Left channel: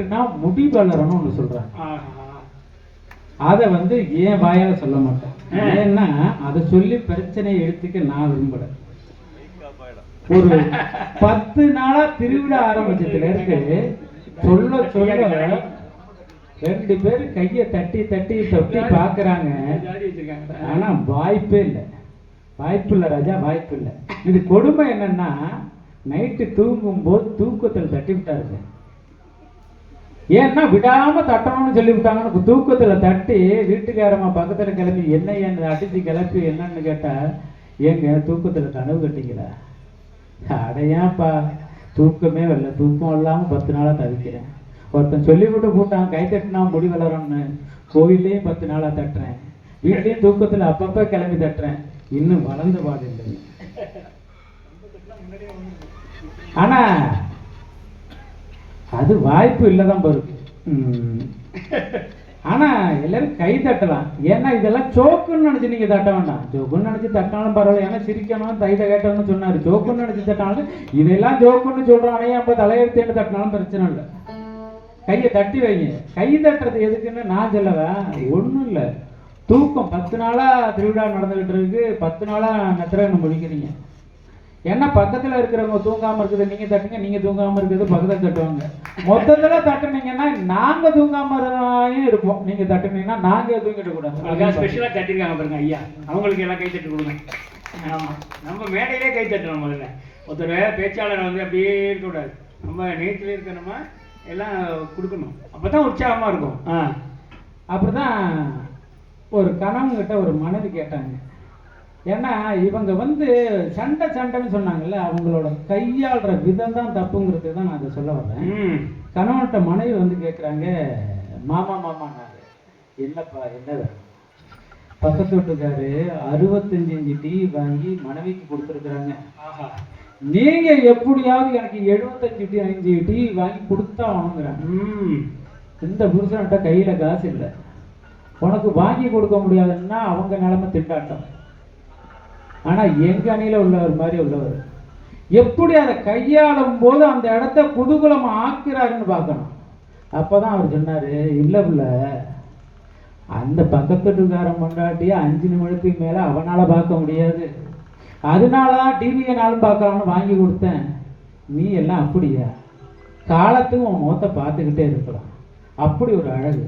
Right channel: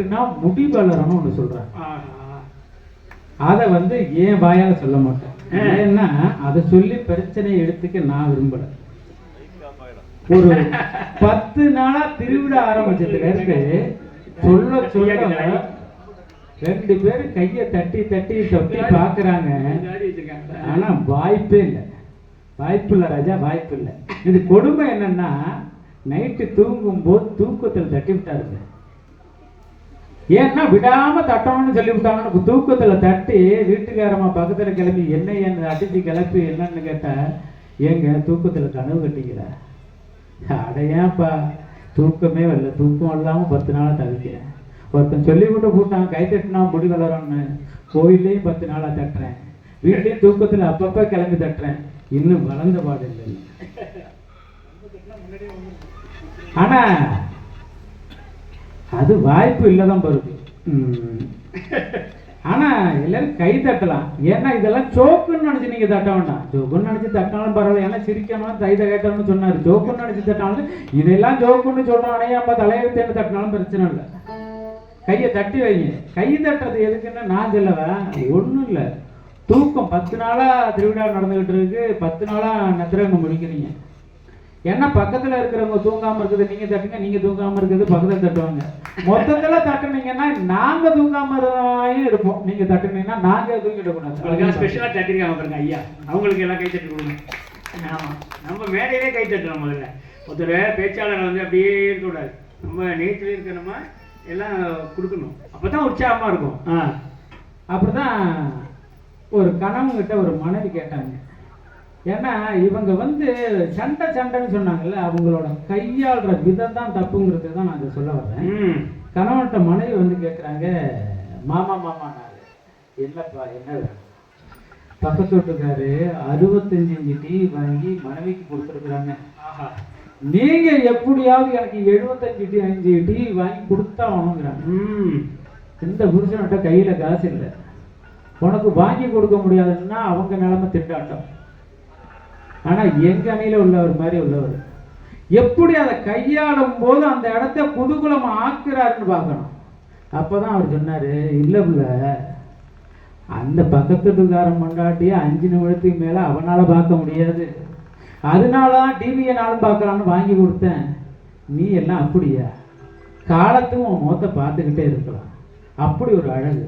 தட்டுனா முடி வளரணும்னு ஒண்ணு சொல்றாங்க. அதை ஏன் வாயால சொல்ல மாட்டேன். ஏன்னா அதை சொல்லி பிரச்சனையை எடுத்துக்க நான் விரும்பல. ஒரு 10 நாளா திருவிழா ஆரம்பிச்சதுல இருக்கு சொல்ல சொல்ல 2 பேரு கைய தட்டி தட்டி தட்டி பாக்குறாங்க. ஆனா வாய்ப்பே இல்லை, வாய்ப்பு இல்லை ராஜா, வாய்ப்பு இல்லை. இது கொடுமை என்னன்னா, நைட்டு தூங்கும் போது தூக்கத்தில் தட்டி விட்டாருங்க. ஏன்னா விடாம தட்டணும்னு சொல்லி விட்டாங்கன்னு தூக்கத்துல தட்டி வீட்டுக்காரமா பக்கத்துல கிளம்பி என்ன அடிச்சு கிளப்பி என்னன்னு கேட்டா, ஏங்க தூக்கத்துல கனவு கட்டிக்கிறா. அடையாப்பா தூக்கமே வரல, தூக்கம் இல்லாம 10 நாளா தவிக்கிறேன். ஒருத்தன் சொல்லி விட்டு போட்டான் கை தட்டினா முடி வளரும்னு. கோயிலையும் 10 நாளா தட்டுறேன், வீட்லயும் தூக்கத்துல அப்பப்ப கிளம்பி தட்டுறேன், இன்னும் வளர்ந்த பாடு இல்லை. ஆனா அது வாய்ப்பு இல்லதான் பொறுப்பு. ஆனா எல்லாரும் கை தட்டலாம். ஏன்னா இதெல்லாம் ஜோக்குன்னு நினைச்சு நீங்க தட்ட வேண்டாம். ஜோக்குன்னு நினைச்சு தட்டினாலும் பரவாயில்ல, ஏன்னா சிரிக்கணும் தைத கேட்டோம்னு சொன்னாரு. ஜோக்குன்னு நினைச்சு தட்டினாலும் இதெல்லாம் ஜோக்குன்னு சொல்றோம், நம்ம தலையெழுத்தேன்னு தட்டினாலும் பிரச்சனை இல்லை. கையை தட்டி வைங்க. கை தட்டுறது எதுக்குன்னு நான் சொல்லவேன், ஒண்ணும் இல்லை. தூக்கம் 10 நாளா திருவிழா நடந்துகிட்டு இருக்கு, 10 நாளா நெத்திரகண்ணு முடிக்கிறீங்க. ஏன்னா பக்கத்துல இருக்கிறவங்க தூங்காம இருக்குது நீங்க தட்டுங்க, நீங்க தூங்காம இருக்குது பக்கத்துல தட்டுவாங்க. மொத்தத்துல தட்டுனீங்கன்னா நாங்க தூங்காம இருப்போம், நீங்க தட்டுனீங்கன்னா நாங்க தூங்கிட கூடாது. ஸ்பெஷலா தட்டிருக்காங்க பாருங்க ஐயா, அவங்களுக்கு எல்லாம் கை தட்டு கொடுங்க. ஆமா, நம்ம மேடையிலே கை தட்டுறோம். முதல்ல ஒருத்தர் பேச்சாளர் அப்படியே இருக்கக்கூடாது, நம்ம நேற்றில் இருக்கணுமா எல்லாம் கொடுக்கணும், அப்பதான் உற்சாகமா இருக்கும். அப்படிதான் ஒரு கணவன்கிட்ட ஒரு மனைவி கேட்டாங்க. ஏன்னா இவங்க சண்டை சண்டைன்னு சொன்னாங்கல்ல, அவங்களோட கையாளுற விதம் தான் தப்புங்கிறது தான் நான் சொல்ல வரேன். கணவன்கிட்ட மனைவி கேட்குறாங்க, மாமா மாமானாரு, என்னப்பா என்ன பக்கத்து வீட்டுக்காரு 65 இன்ச்சு டிவி வாங்கி மனைவிக்கு கொடுத்துருக்குறாங்க, நீங்க எப்படியாவது எனக்கு 75 இன்ச்சு டிவி வாங்கி கொடுத்தா ஆகணுங்கிறாங்க. இந்த புருஷன்கிட்ட கையில காசு இல்லை, உனக்கு வாங்கி கொடுக்க முடியாதுன்னா அவங்க நிலைமை திண்டாட்டம். ஆனா எங்க அணியில உள்ளவர் மாதிரி உள்ளவர் எப்படி அதை கையாளும் போது அந்த இடத்த குதூகலம் ஆக்குறாருன்னு பார்க்கணும். அப்பதான் அவர் சொன்னாரு, இல்ல புள்ள, அந்த பக்கத்துக்காரன் மண்டாட்டிய 5 நிமிடத்துக்கு மேல அவனால பார்க்க முடியாது, அதனாலதான் டிவியை நாளும் பார்க்கலான்னு வாங்கி கொடுத்தேன். நீ எல்லாம் அப்படியா, காலத்துக்கும் உன் முகத்தை பார்த்துக்கிட்டே இருக்கலாம், அப்படி ஒரு அழகு.